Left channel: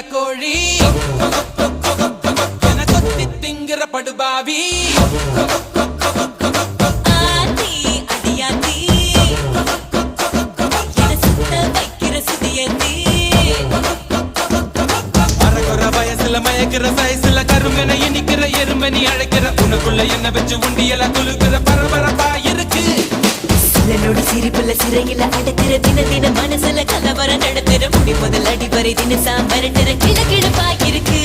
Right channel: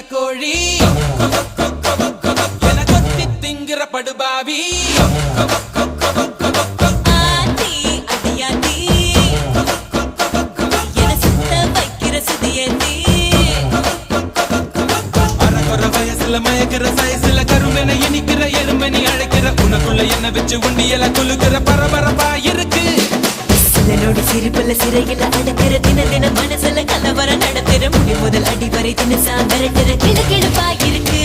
கடக்கோழி என கொத்தி திங்கிற படுபாவி ஆத்தி அடியாத்தி என சுத்த வைக்கிற சுதியத்தி அறகுற வயசுல மயக்கிற சயசுல கருமென இனிக்கிற எருமணி அழைக்கிற உனக்குள்ள என்ன வச்சு உண்டியல குலுக்கிற பரபரப்பா இருக்கு சிலனோட சிரிப்புல சிறையில அடக்கிற தின தின மனசுல கலவரம் நடத்துற முடி முதல் அடிவரை தினசா மிரட்டுற கிழக்கிழப்பா இருக்கு